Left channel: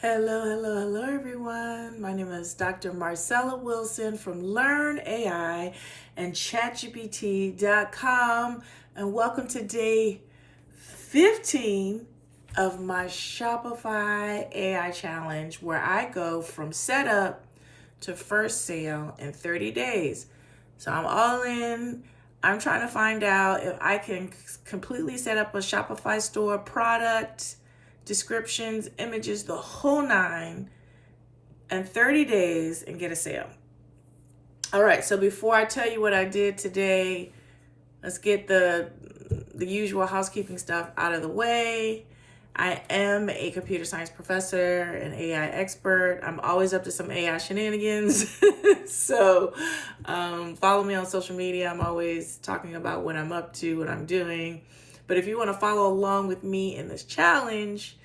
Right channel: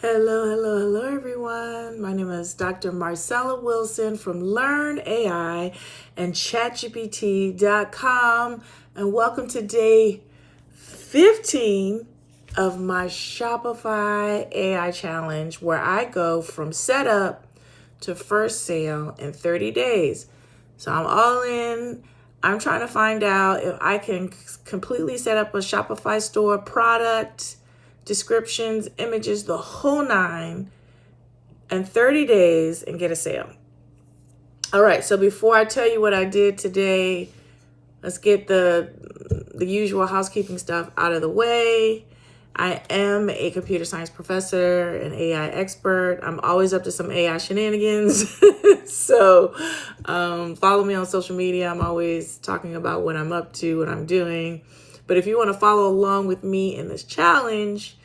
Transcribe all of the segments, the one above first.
Hello, everyone. My name is Dr. Marcella Wilson from Learn AI and ChatGPT.com, and welcome to day 15 of my Shopify AI challenge, where I go from setup to first sale in 30 days. So I'm all in. I'm trying to find out if I can completely set up a Shopify store, product, descriptions, images, the whole nine, in 30 days and get a sale. All right, so before I tell you what I did today, let's get the usual housekeeping stuff out of the way. I am a computer science professor and AI expert. I'm always up to some AI shenanigans. So follow me on social media. I'm always talking about what I'm up to, what I'm doing. But if you want to follow along with me in this challenge,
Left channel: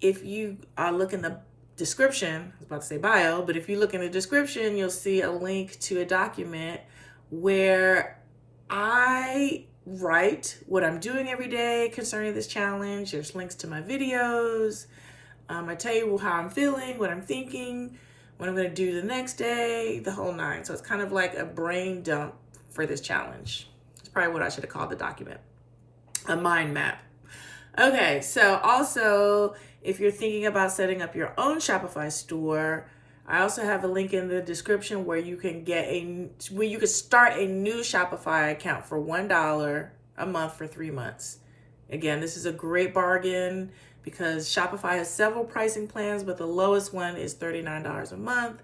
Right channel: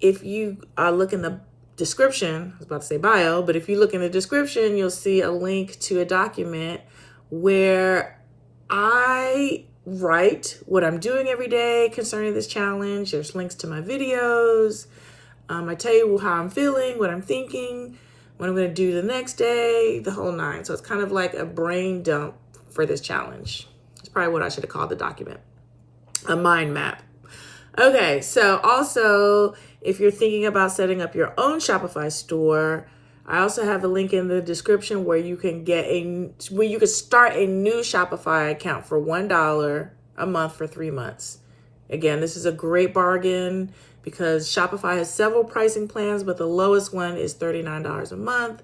if you look in the description, I was about to say bio, but if you look in the description, you'll see a link to a document where I write what I'm doing every day concerning this challenge. There's links to my videos. I tell you how I'm feeling, what I'm thinking, what I'm going to do the next day, the whole nine. So it's kind of like a brain dump for this challenge. It's probably what I should have called the document, a mind map. Okay, so also, if you're thinking about setting up your own Shopify store, I also have a link in the description where you can start a new Shopify account for $1 a month for 3 months. Again, this is a great bargain because Shopify has several pricing plans, but the lowest one is $39 a month.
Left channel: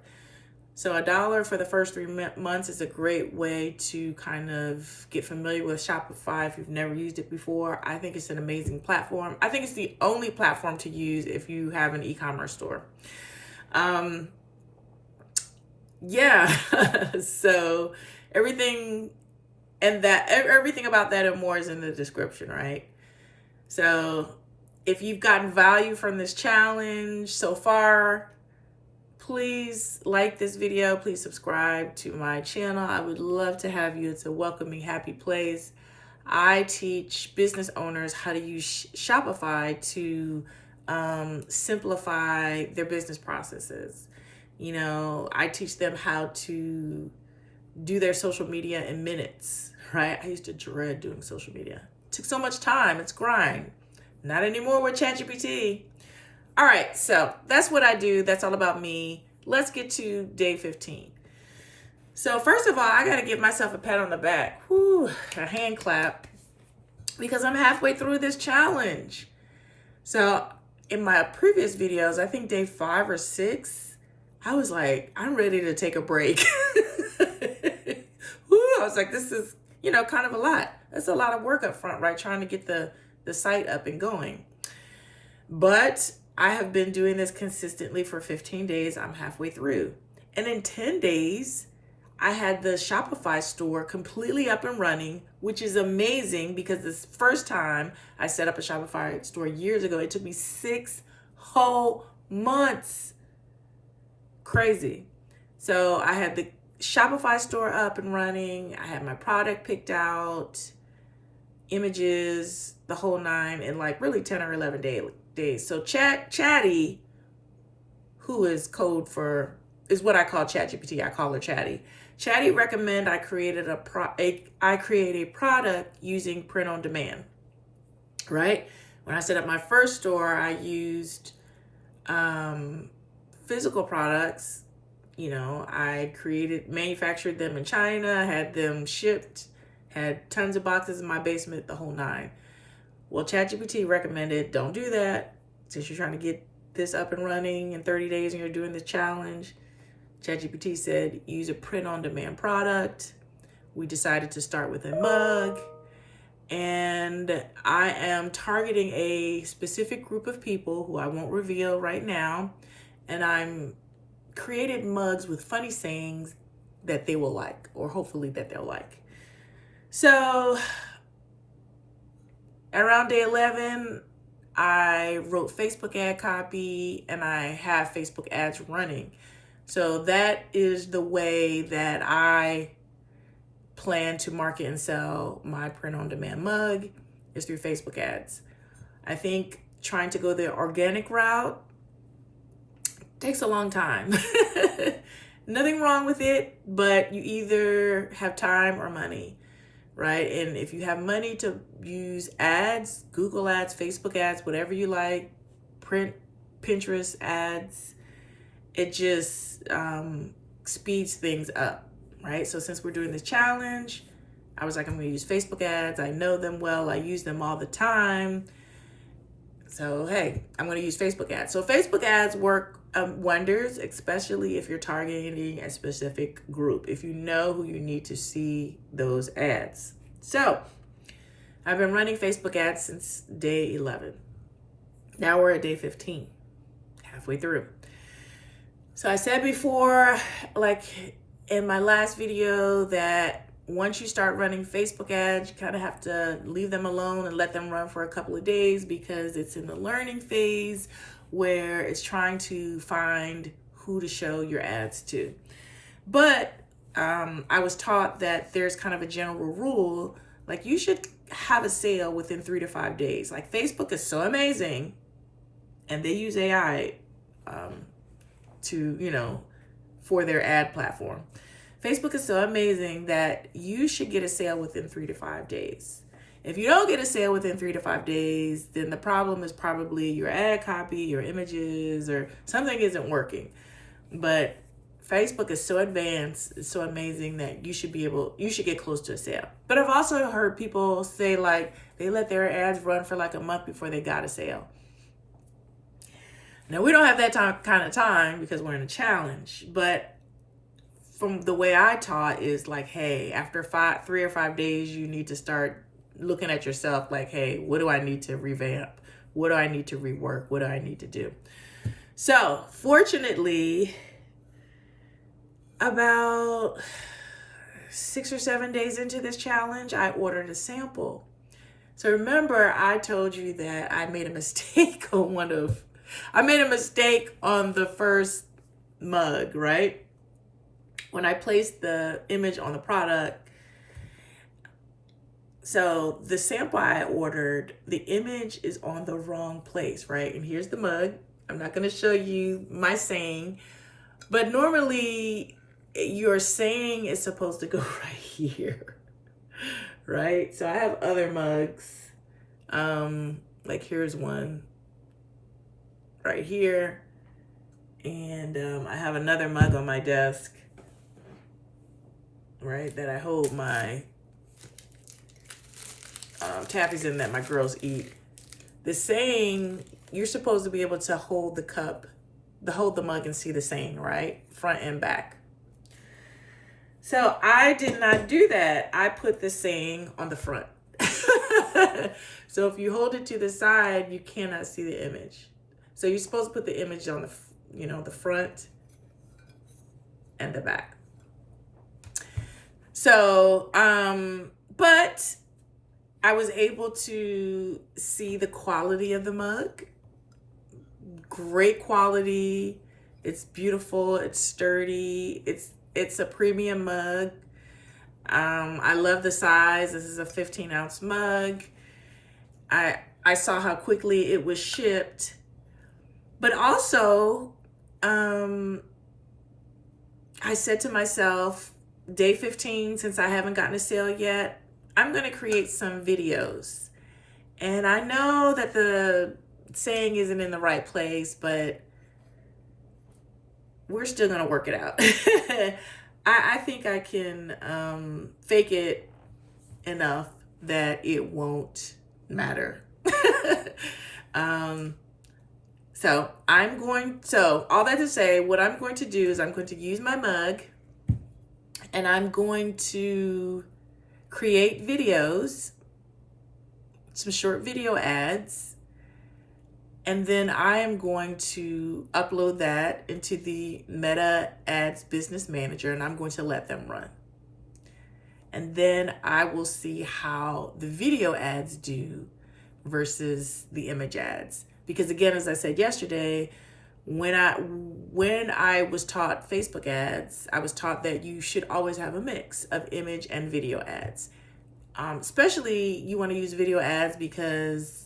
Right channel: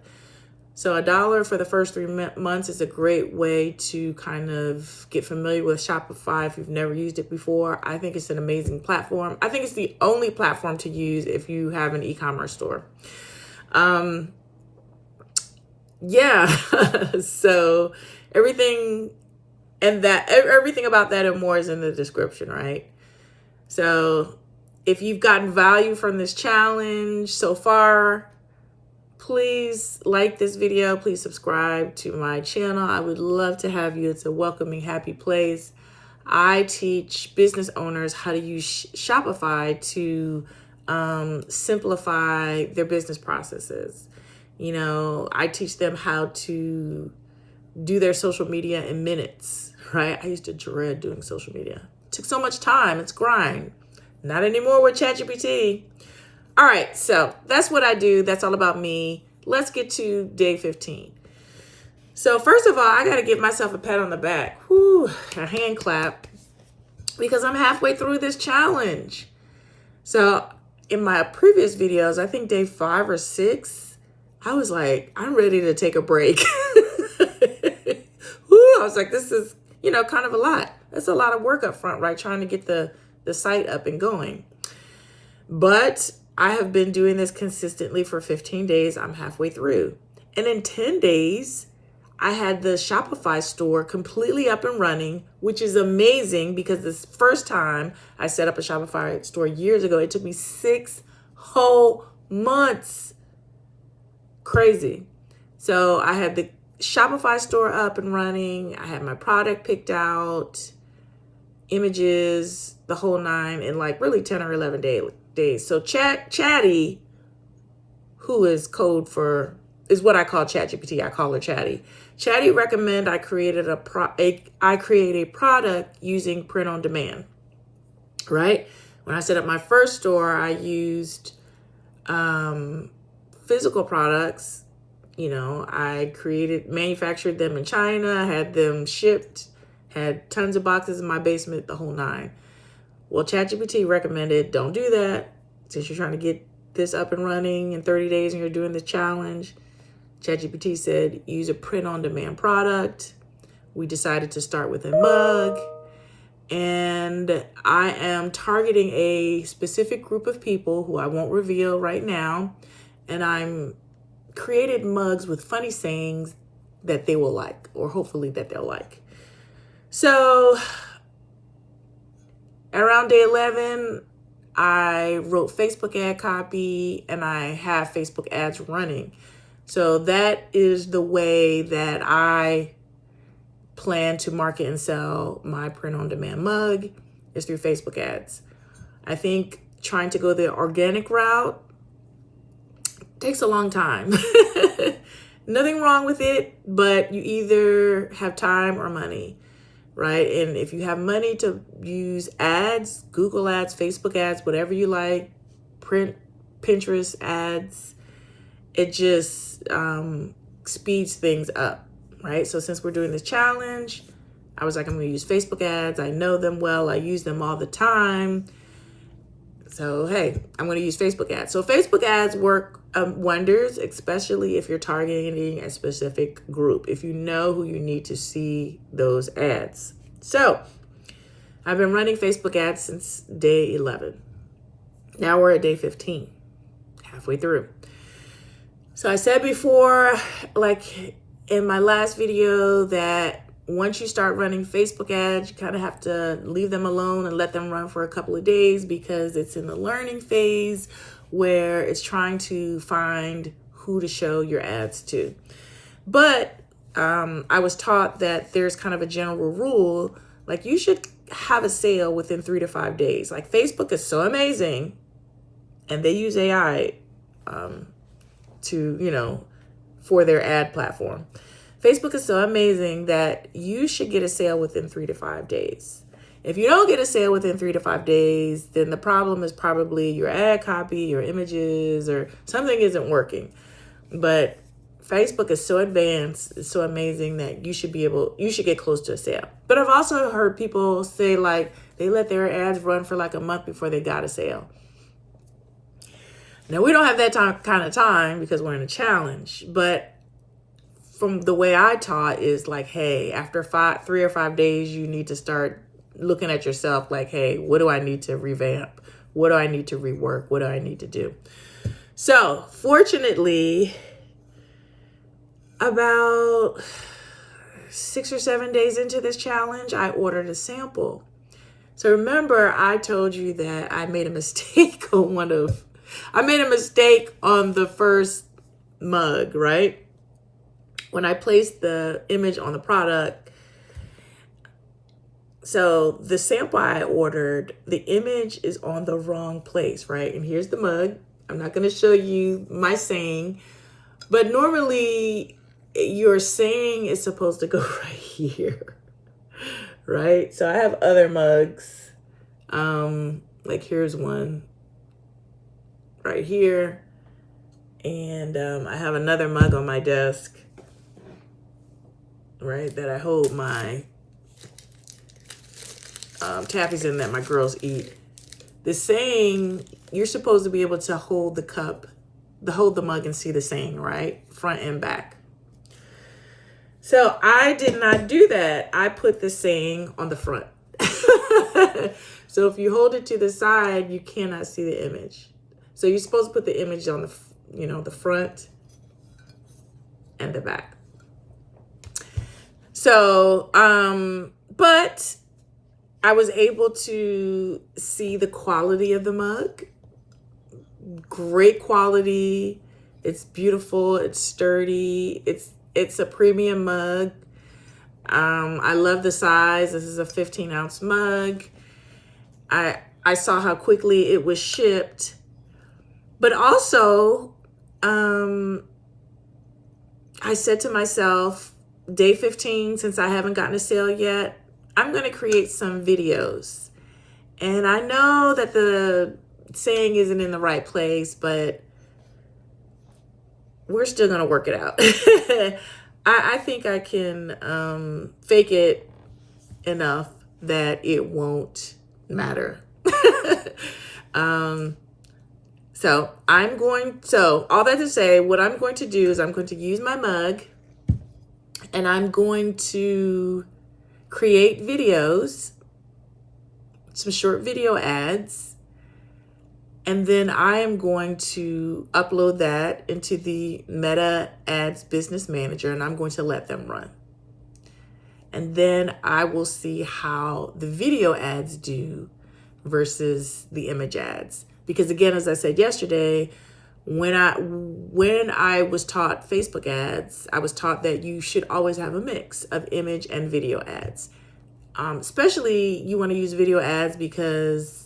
So $1 for the first 3 months is a great way to kind of get familiar with Shopify if you've never used it before. I think it's an amazing platform. I think it's the only platform to use if you have an e-commerce store. So everything about that and more is in the description, right? So if you've gotten value from this challenge so far, please like this video. Please subscribe to my channel. I would love to have you. It's a welcoming, happy place. I teach business owners how to use Shopify to simplify their business processes. You know, I teach them how to do their social media in minutes, right? I used to dread doing social media. It took so much time. It's grind. Not anymore with ChatGPT. All right, so that's what I do. That's all about me. Let's get to day 15. So first of all, I got to give myself a pat on the back. Whew, a hand clap, because I'm halfway through this challenge. So in my previous videos, I think day 5 or 6, I was like, I'm ready to take a break. I was like, this is, kind of a lot. That's a lot of work up front, right? Trying to get the site up and going. But I have been doing this consistently for 15 days. I'm halfway through. And in 10 days, I had the Shopify store completely up and running, which is amazing because this first time I set up a Shopify store years ago, it took me 6 whole months. Crazy. So I had the Shopify store up and running. I had my product picked out, images, the whole nine in like really 10 or 11 days. So Chatty, who is code for, is what I call ChatGPT. I call her Chatty. Chatty recommend I create a product using print on demand, right? When I set up my first store, I used physical products. I manufactured them in China, had them shipped, had tons of boxes in my basement, the whole nine. Well, ChatGPT recommended don't do that since you're trying to get this up and running in 30 days and you're doing the challenge. ChatGPT said use a print-on-demand product. We decided to start with a mug. And I am targeting a specific group of people who I won't reveal right now. And I'm created mugs with funny sayings that they will like, or hopefully that they'll like. So around day 11, I wrote Facebook ad copy and I have Facebook ads running. So that is the way that I plan to market and sell my print-on-demand mug, is through Facebook ads. I think trying to go the organic route takes a long time. Nothing wrong with it, but you either have time or money, right? And if you have money to use ads, Google ads, Facebook ads, whatever you like, print, Pinterest ads, it just speeds things up, right? So since we're doing this challenge, I was like, I'm going to use Facebook ads. I know them well. I use them all the time. So, hey, I'm going to use Facebook ads. So Facebook ads work wonders, especially if you're targeting a specific group, if you know who you need to see those ads. So I've been running Facebook ads since day 11. Now we're at day 15, halfway through. So I said before, like in my last video, that once you start running Facebook ads, you kind of have to leave them alone and let them run for a couple of days, because it's in the learning phase where it's trying to find who to show your ads to. But I was taught that there's kind of a general rule, like you should have a sale within 3 to 5 days. Like Facebook is so amazing, and they use AI to, for their ad platform. Facebook is so amazing that you should get a sale within 3 to 5 days. If you don't get a sale within 3 to 5 days, then the problem is probably your ad copy, your images, or something isn't working. But Facebook is so advanced, it's so amazing that you should get close to a sale. But I've also heard people say like they let their ads run for like a month before they got a sale. Now we don't have that kind of time because we're in a challenge, but from the way I taught is like, hey, after 3 or 5 days, you need to start looking at yourself like, hey, what do I need to revamp? What do I need to rework? What do I need to do? So fortunately, about 6 or 7 days into this challenge, I ordered a sample. So remember, I told you that I made a mistake on the first mug, right? When I placed the image on the product. So the sample I ordered, the image is on the wrong place, right? And here's the mug. I'm not going to show you my saying, but normally your saying is supposed to go right here, right? So I have other mugs. Like here's one right here. And I have another mug on my desk, right, that I hold my taffies in that my girls eat. The saying, you're supposed to be able to hold the mug and see the saying, right? Front and back. So I did not do that. I put the saying on the front. So if you hold it to the side, you cannot see the image. So you're supposed to put the image on the front and the back. So, but I was able to see the quality of the mug. Great quality. It's beautiful. It's sturdy. It's a premium mug. I love the size. This is a 15-ounce mug. I saw how quickly it was shipped. But also, I said to myself, day 15, since I haven't gotten a sale yet, I'm going to create some videos. And I know that the saying isn't in the right place, but we're still going to work it out. I think I can fake it enough that it won't matter. So all that to say, what I'm going to do is I'm going to use my mug and I'm going to create videos, some short video ads, and then I am going to upload that into the Meta Ads Business Manager, and I'm going to let them run. And then I will see how the video ads do versus the image ads. Because again, as I said yesterday, when I was taught Facebook ads, I was taught that you should always have a mix of image and video ads. Especially you want to use video ads because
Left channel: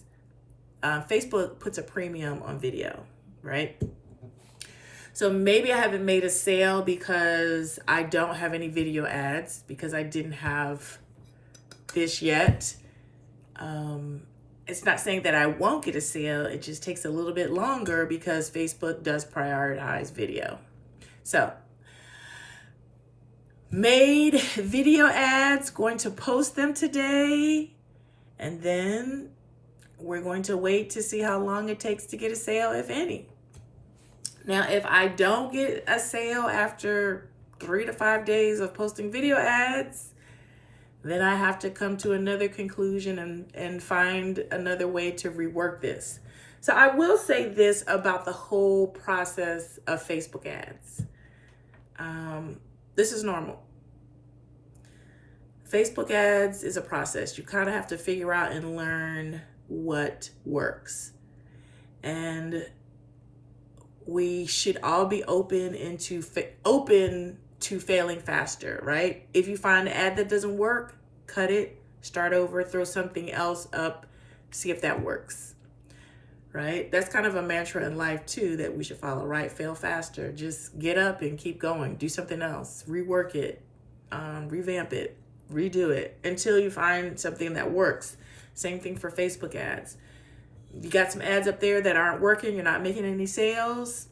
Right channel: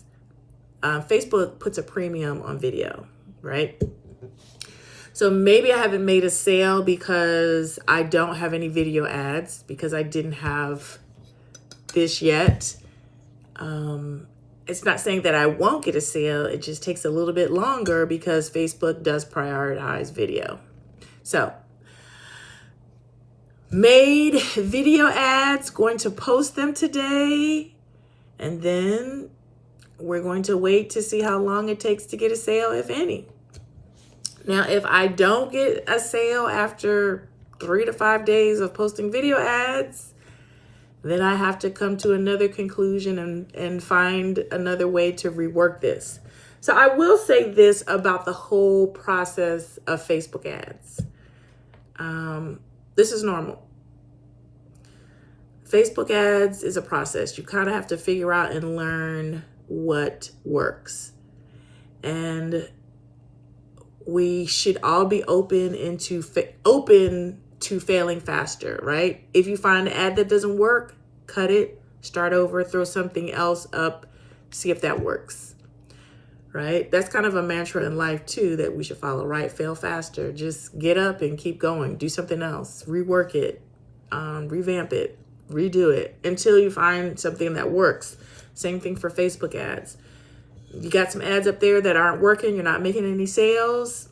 Facebook puts a premium on video, right? So maybe I haven't made a sale because I don't have any video ads, because I didn't have this yet. It's not saying that I won't get a sale. It just takes a little bit longer because Facebook does prioritize video. So, made video ads, going to post them today, and then we're going to wait to see how long it takes to get a sale, if any. Now, if I don't get a sale after 3 to 5 days of posting video ads, then I have to come to another conclusion and find another way to rework this. So I will say this about the whole process of Facebook ads. This is normal. Facebook ads is a process. You kind of have to figure out and learn what works. And we should all be open to failing faster, right? If you find an ad that doesn't work, cut it, start over, throw something else up, see if that works, right? That's kind of a mantra in life too that we should follow, right? Fail faster. Just get up and keep going. Do something else. Rework it, revamp it, redo it until you find something that works. Same thing for Facebook ads. You got some ads up there that aren't working. You're not making any sales.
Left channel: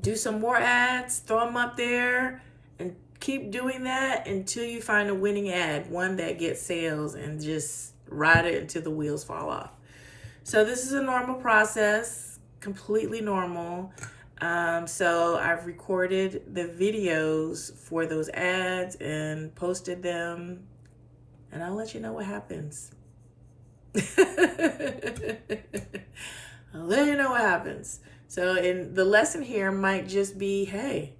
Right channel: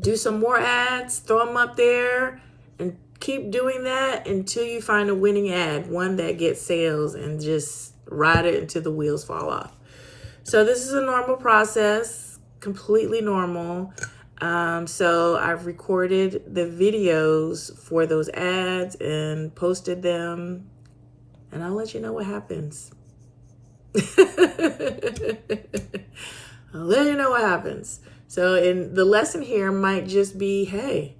Do some more ads, throw them up there, and keep doing that until you find a winning ad, one that gets sales, and just ride it until the wheels fall off. So this is a normal process, completely normal. So I've recorded the videos for those ads and posted them, and I'll let you know what happens. I'll let you know what happens. So in the lesson here might just be, hey,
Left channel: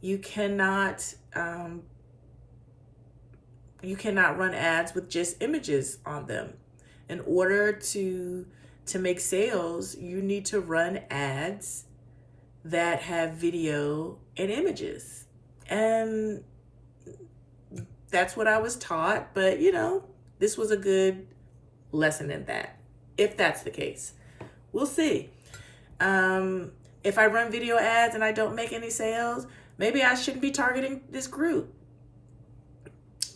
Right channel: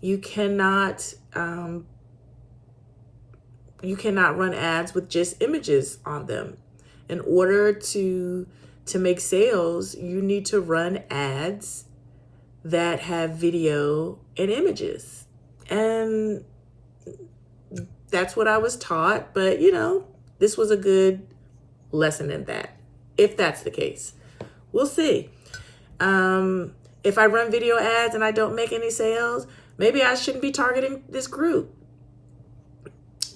you cannot run ads with just images on them. In order to make sales, you need to run ads that have video and images. And that's what I was taught, but this was a good lesson in that, if that's the case. We'll see. If I run video ads and I don't make any sales, maybe I shouldn't be targeting this group.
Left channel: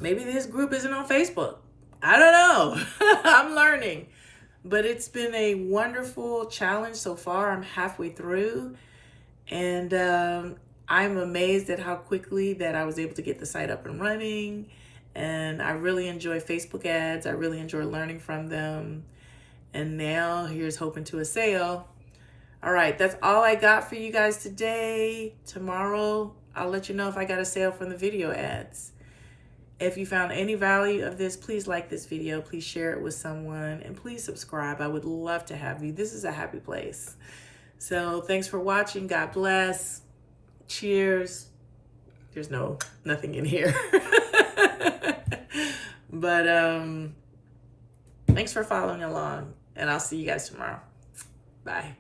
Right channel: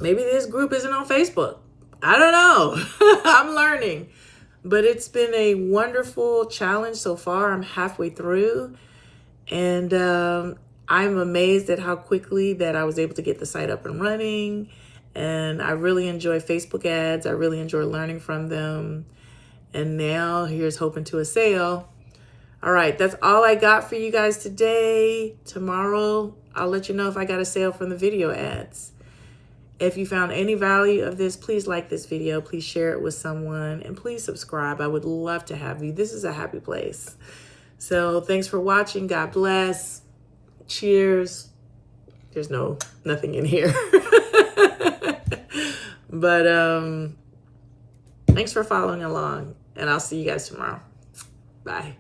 Maybe this group isn't on Facebook. I don't know. I'm learning. But it's been a wonderful challenge so far. I'm halfway through. And I'm amazed at how quickly that I was able to get the site up and running. And I really enjoy Facebook ads. I really enjoy learning from them. And now here's hoping to a sale. All right, that's all I got for you guys today. Tomorrow, I'll let you know if I got a sale from the video ads. If you found any value of this, please like this video. Please share it with someone. And please subscribe. I would love to have you. This is a happy place. So thanks for watching. God bless. Cheers. There's nothing in here. But thanks for following along. And I'll see you guys tomorrow. Bye.